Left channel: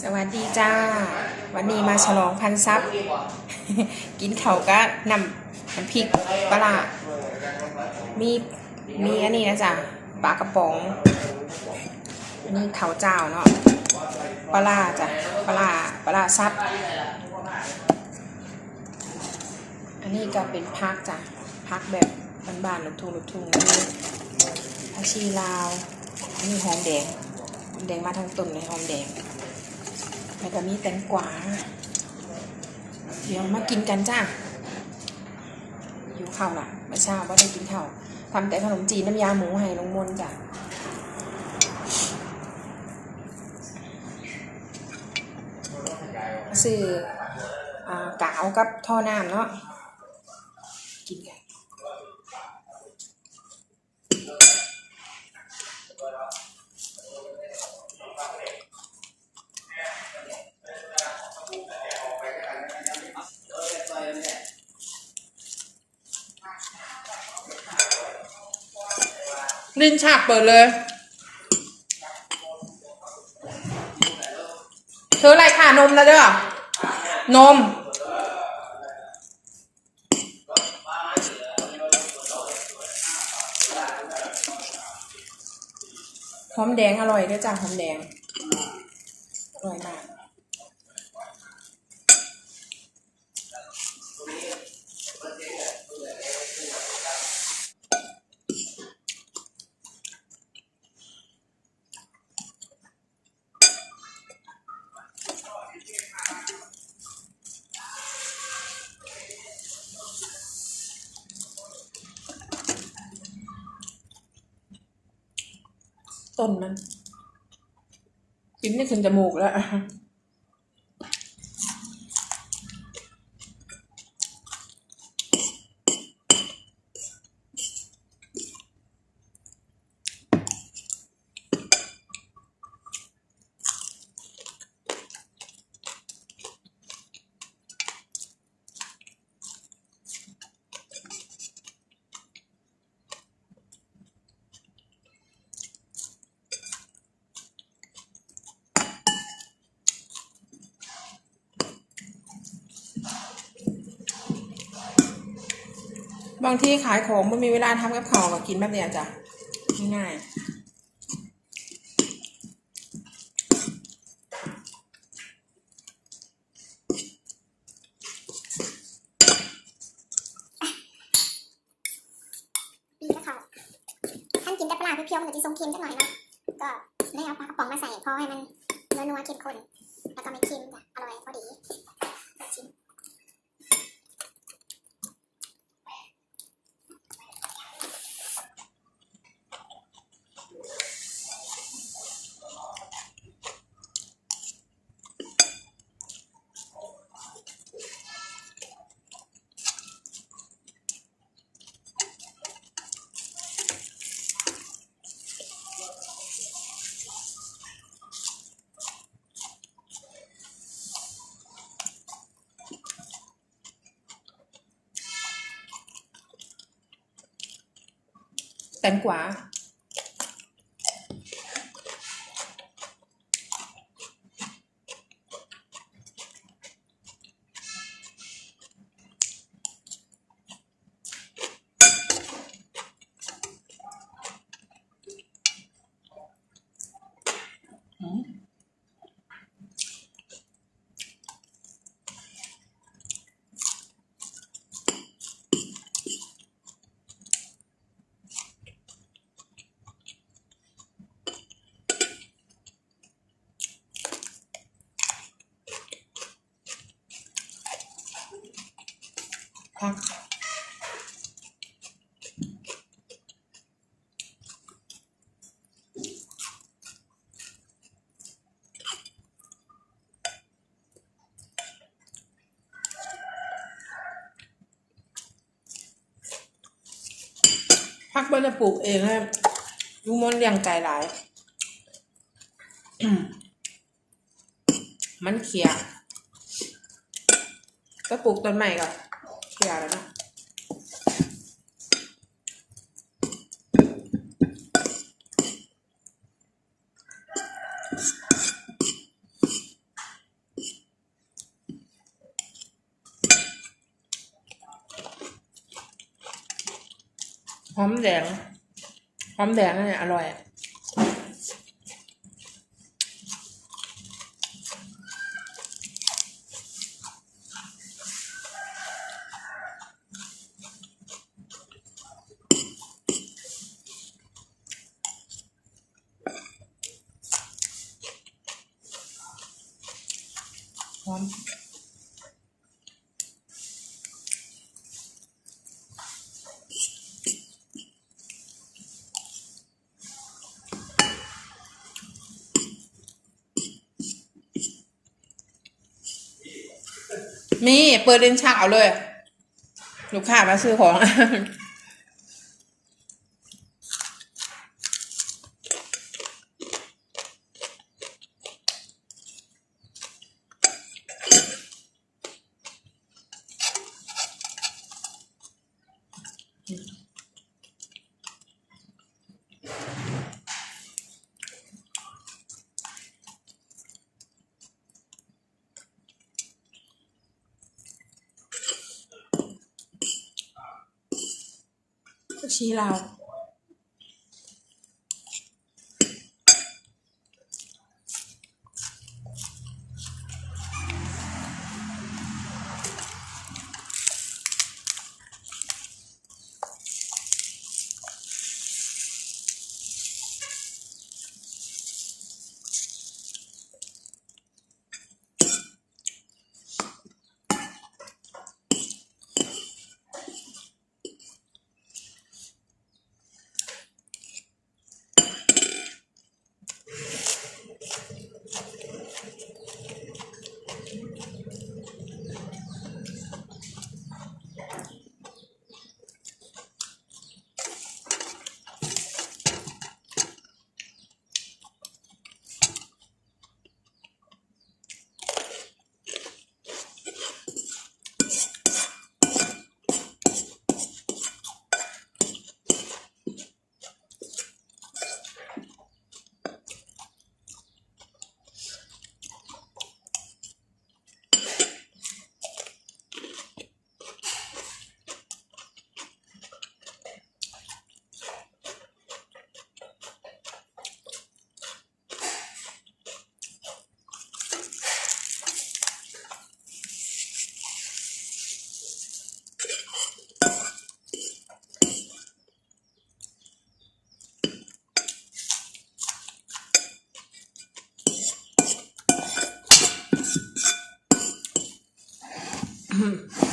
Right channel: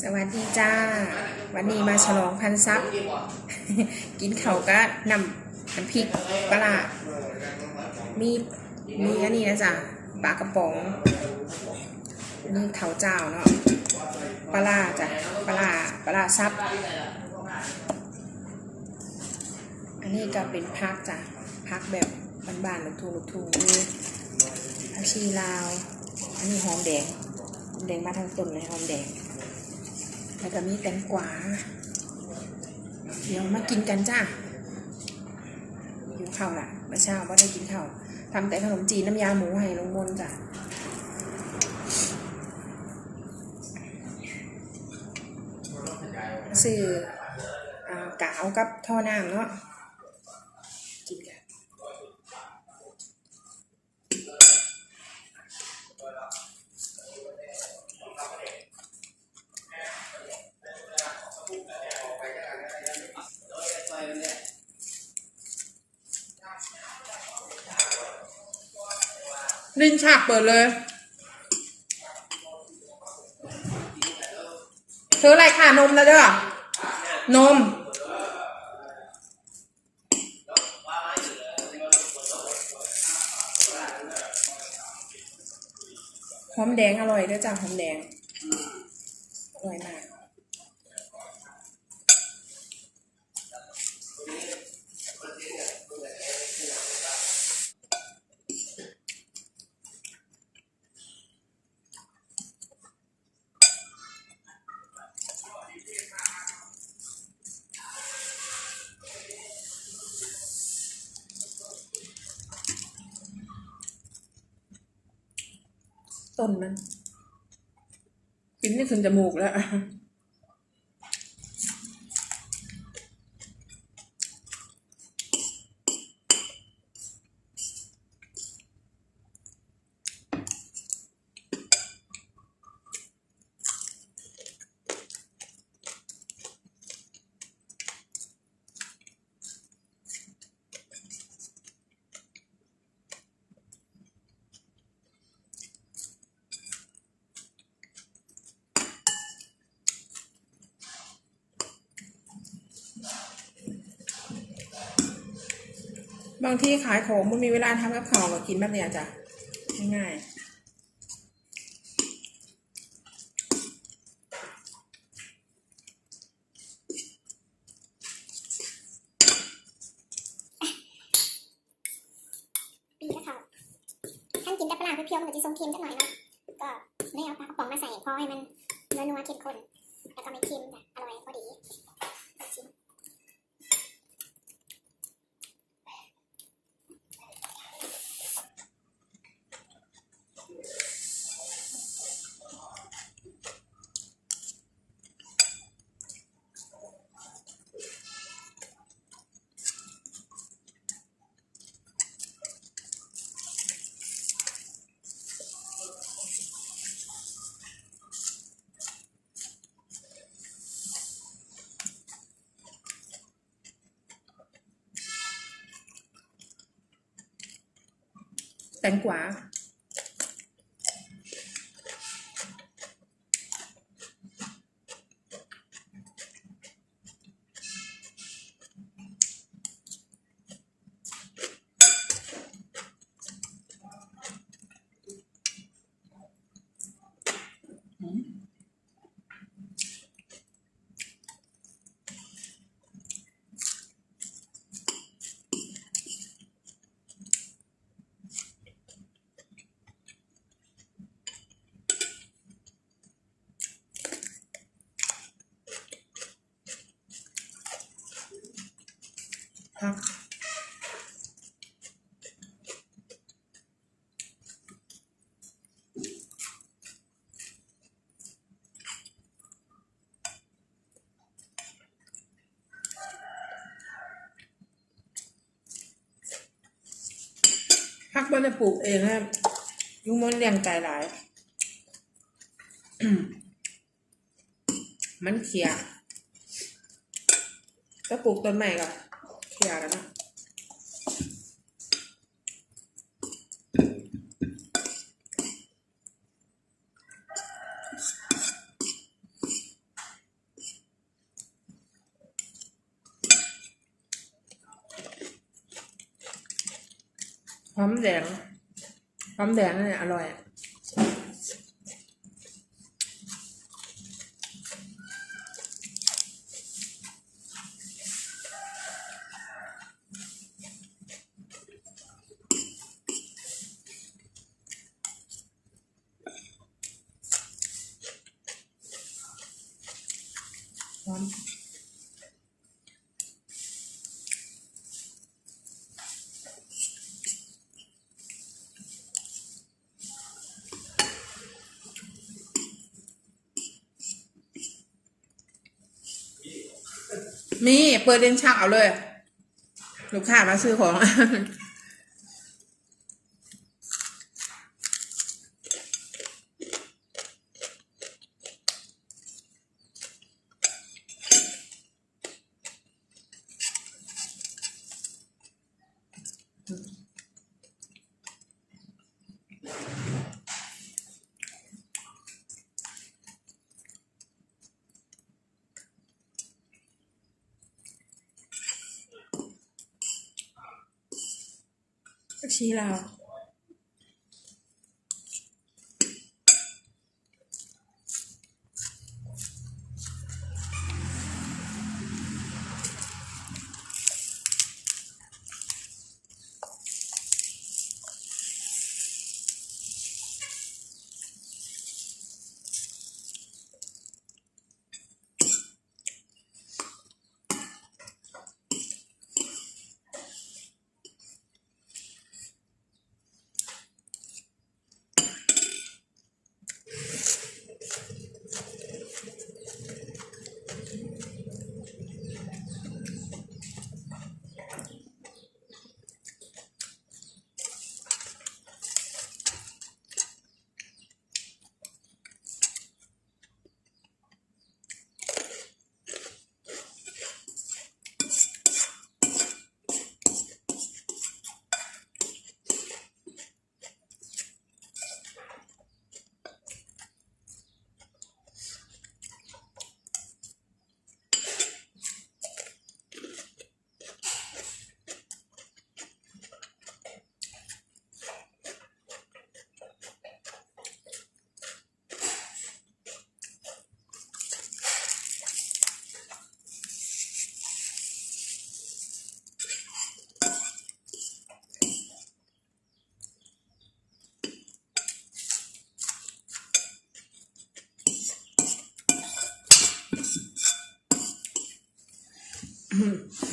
สวัสดีจ้า วันนี้มาฉลองพันซับกินเขาก็นำมันพริกปลามีมีอันนี้นะจ๊ะปลากระป๋องนนี้เขาเจ้าเนาะปลาจ้ะปลาปลาร้าซับ อันนี้ก็เป็นพักจ้ะพักแบบบานๆลูกทุ่งลูกทุ่งมีผักชีลาว อันนี้หอมแดง แดงมาทั้งต้นเลยหอมแดง แล้วก็มีแตงกวา เดี๋ยวมากินกันจ้าอยู่ข้าวล่ะมื่อเช้าว่าได้กินข้าวทำแต่ขนมจีนน้ำยาหมูให้ลุงมนจ้ะซื้ออกาวกับท่อน้ำเนาะกินกัน ลิ้นฉากเปิดเลย เธออะไรค่ะนมนะเด้อนม หอมแดงอร่อยด้วยจ้ะหอมแดง อร่อยมาก ต้นนั้น กินไม่ขึ้นจมูกแล้ว บางที่ขายของไม่มีเวลาทำกับข้าก็กินแบบเนี้ยจ้ะง่ายๆปีก็เขาท่านกินแต่ปลาเพียวๆมันจะทรงเค็มจังหน่อยเนาะก็ไม่เอาปลากระป๋องมาใส่พอให้มันนัวๆเข้มข้นแล้วก็ไม่เค็มจ้ะอร่อยพอดีชิม แต พักพักบิ้ลปลูกเองนะลุงมนเลี้ยงไก่หลาย มันเขียก็ปลูกต้นใหม่ก่อน เขียแล้วนะหอมแดงหอมแดงเนี่ยอร่อย อะหอมมีเปิดเล่นชักเอาเลย ลูกค้ามาซื้อของ ชี้เร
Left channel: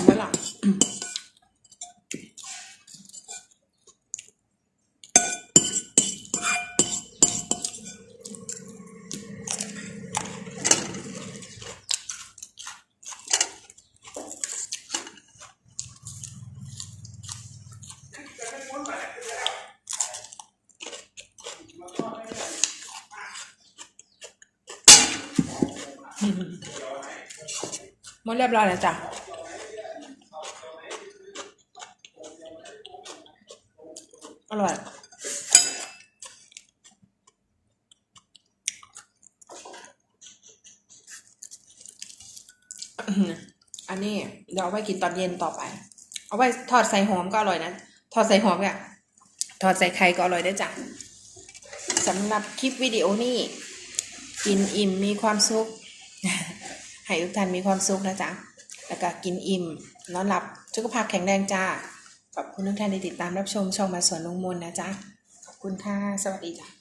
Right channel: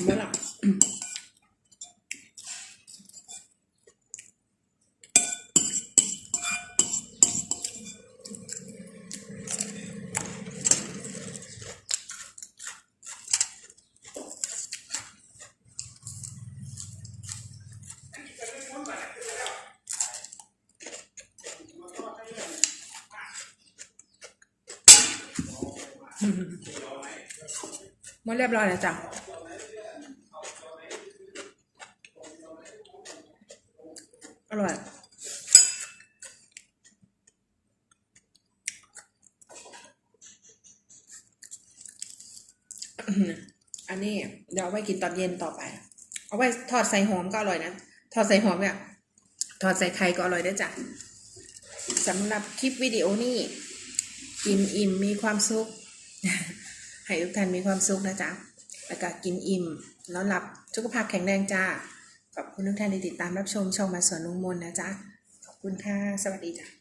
ไม่หลับหมดเรียบร้อยแล้วจ้ะ อร่อย อันนี้เดี๋ยวเอาไว้กินตอนเย็นต่อไป เอาไว้ทอดใส่หอมก็อร่อยนะ ทอดใส่หอมเนี่ยทอดใส่ไข่ก็อร่อยได้จ้ะสำหรับคลิปวิดีโอนี้ กินอิ่มมีความสุข ให้ทุกท่านมีความสุขนะจ๊ะ แล้วก็กินอิ่มนอนหลับสุขภาพแข็งแรงจ้า ขอบคุณทุกท่านที่ติดตามรับชมช่องมาสวนลุงมนนะจ๊ะ ขอบคุณค่ะ สวัสดีจ้ะ